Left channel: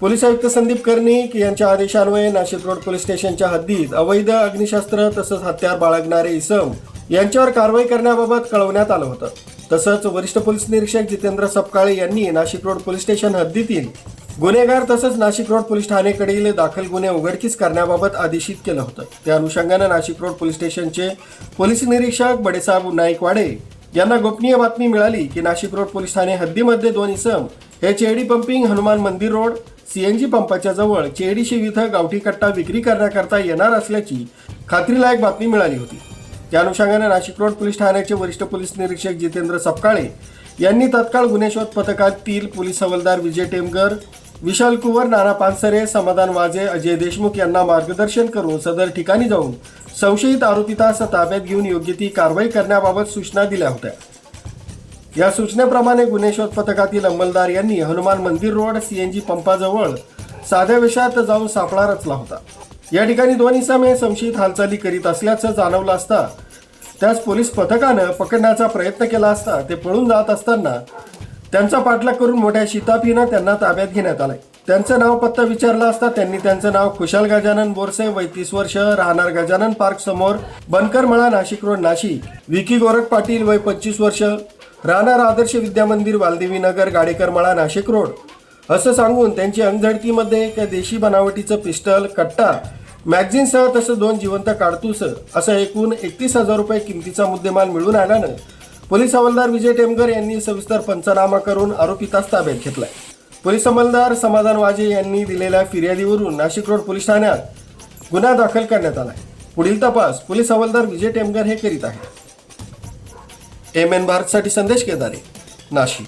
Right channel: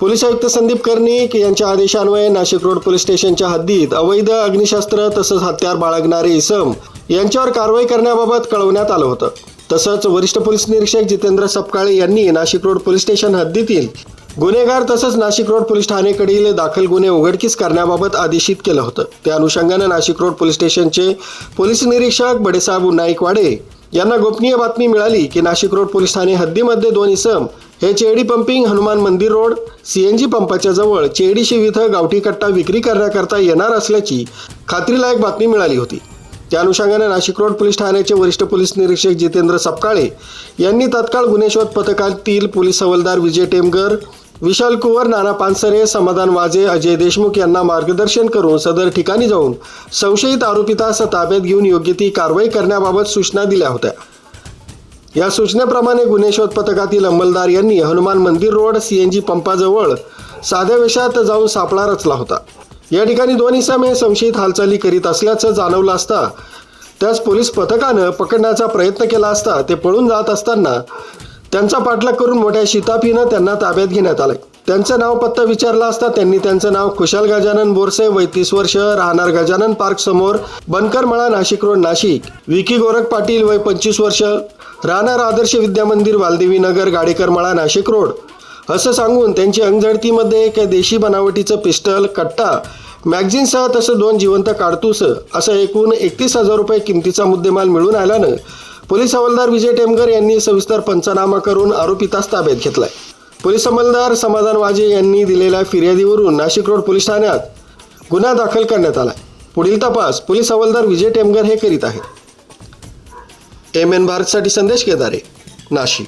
Police आयुक्त संदीप कर्णिक यांच्या आदेशान्वये नाशिक रोड पोलीस स्टेशनच्या हद्दीत अवैध अग्निशस्त्र तसंच हत्यार बाळगणारे इसम यांच्यावर कारवाई करण्याबाबत कळवण्यात आलं होतं. तसंच वरिष्ठ पोलीस निरीक्षक जितेंद्र सपकाळे यांनी नाशिक रोड पोलीस स्टेशन हद्दीतील गुन्हेगार तसंच नाशिक रोड पोलीस ठाणेकडील दाखल गुन्हे उघडकीस करण्याबाबत आदेशित केलं होतं. त्या अनुषंगाने नाशिक रोड पोलीस स्टेशनचे पोलीस निरीक्षक बडेसाहेब नाईकवाडे यांना गोपनीय बातमी मिळाली की नाशिक रोड पोलीस ठाणे हद्दीमध्ये दोन इसम हे Chedi pumping Hanuman Mandir road C N G पंपाच्या जवळ चेडी शिव इथं गावठी कट्टा विक्री करण्याकरता येणार असल्याची खात्रीलायक बातमी मिळाली होती. त्या अनुषंगाने नाशिक रोड पोलीस ठाण्याचे वरिष्ठ पोलीस निरीक्षक जितेंद्र सपकाळे यांनी तत्काळ गुन्हे शोध पथकातील पोलीस हवालदार विजय टेमगर विशाल कुवर नाना पानसरे समाधान वाजे अजय देशमुख यांना मार्गदर्शन करून सदर ठिकाणी जाऊन संशयित आरोपितास ताब्यात घेऊन योग्य ती कारवाई करण्याबाबत सूचना दिल्या होत्या. या सूचनेप्रमाणे गुन्हे शोध पथकातील अंमलदार यांनी हनुमान मंदिर रोड सीएनजी पंपाजवळ साध्या वेशात जाऊन सापळा रचला होता. या ठिकाणी दोन इसम संशयित हालचाली करीत असल्याचं जाणवलं असता त्याच पोलीस पथकानं पकडण्याचा प्रयत्न केला असता ते पळून जात असताना त्यांचा पाठलाग करून मोठ्या शिताफीनं त्यांना ताब्यात घेण्यात आलं त्यांचं नाव पत्ता विचारला असता त्यांनी त्यांचं नाव खुशाल गजानन बोरसे वय तीस वर्ष राहणार गजानन पार्क समोर बनकर मळा नाशिक रोड नाशिक. विकी गोरख पाटील वय पंचवीस वर्ष राहणार आदर्श विद्यामंदिर वालदेवी नगर गाडेकर मळा नाशिक रोड. असं सांगून त्यांची अंगझडतीमध्ये एक देशी बनावटीचं पिस्टल कट्टा मॅगझिनसह तसं दोन जिवंत काडतूस असं एकूण एकतीस हजार रुपये किमतीचा मुद्देमाल मिळून आल्यानं पोलीस हवालदार विजय टेमकर यांनी सविस्तर पंचनामा करून आरोपितास ताब्यात घेतलाय. पोलीस अंमलदार समाधान वाजे यांनी दिलेल्या फिर्यादीवरून नाशिक रोड पोलीस ठाण्यात गुन्हा दाखल करण्यात आला पुढील तपास पोलीस हवालदार विजय टेमगर हे करीत आहेत. एम एन भारतसाठी संदेश केदारे नाशिक.